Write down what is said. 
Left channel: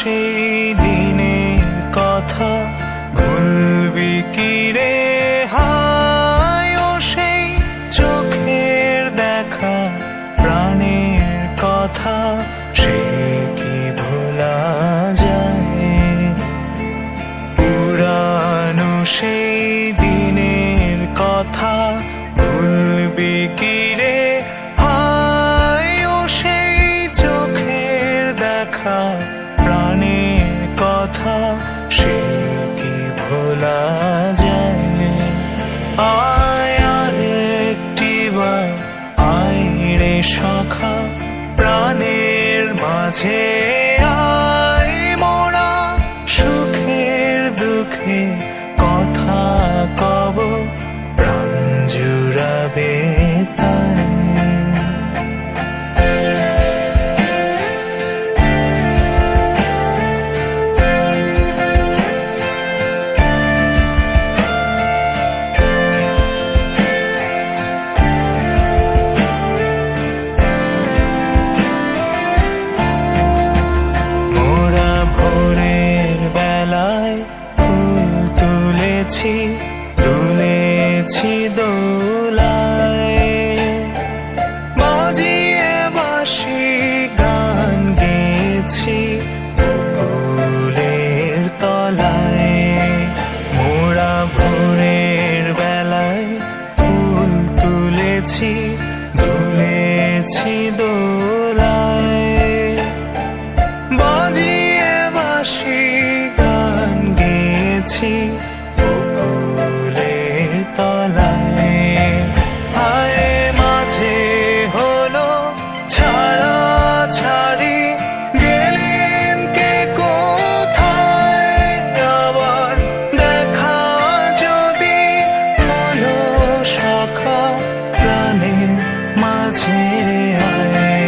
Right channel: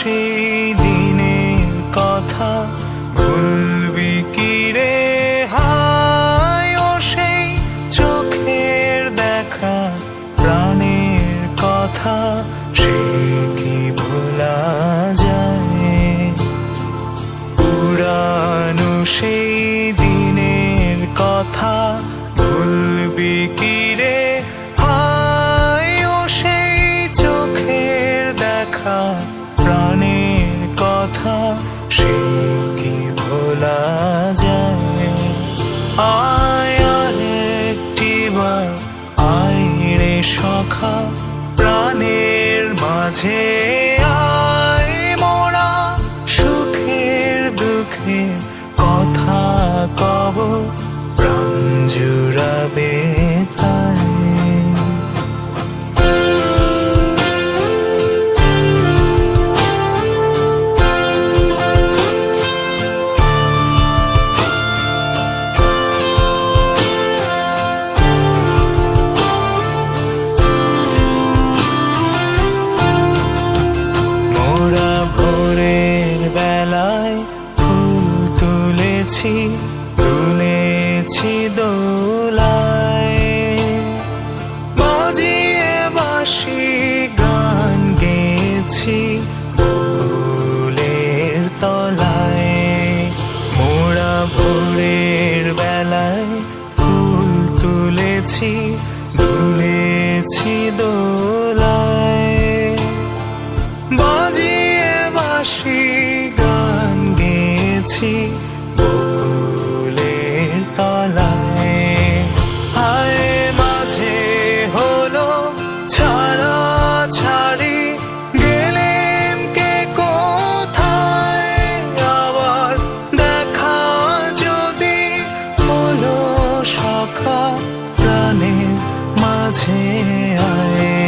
সেই দিনের কথা ভুলবি কি রে হায় ও সেই চোখের দেখা প্রাণের কথা সে কি ভোলা যায় পুরানো সেই দিনের কথা ভুলবি কি রে হায় ও সেই চোখের দেখা প্রাণের কথা সে কি ভোলা যায় আয় আর একটিবার আয় রে সখা প্রাণের মাঝে আয় মোরা সুখের দুঃখে কথা কব প্রাণ জুড়াবে তাই মোরা ভোরের বেলায় ফুল তুলেছি তুলেছি দোলায় বাজিয়ে বাঁশি গান গেয়েছি বকুলের তলায় মোরা ভোরের বেলায় ফুল তুলেছি তুলেছি দোলায় বাজিয়ে বাঁশি গান গেয়েছি বকুলের তলায় হায় মাঝে হলো ছাড়া ছাড়ি গেলেম কে কোথায় আবার দেখা যদি হলো সখা প্রাণের মাঝে আয়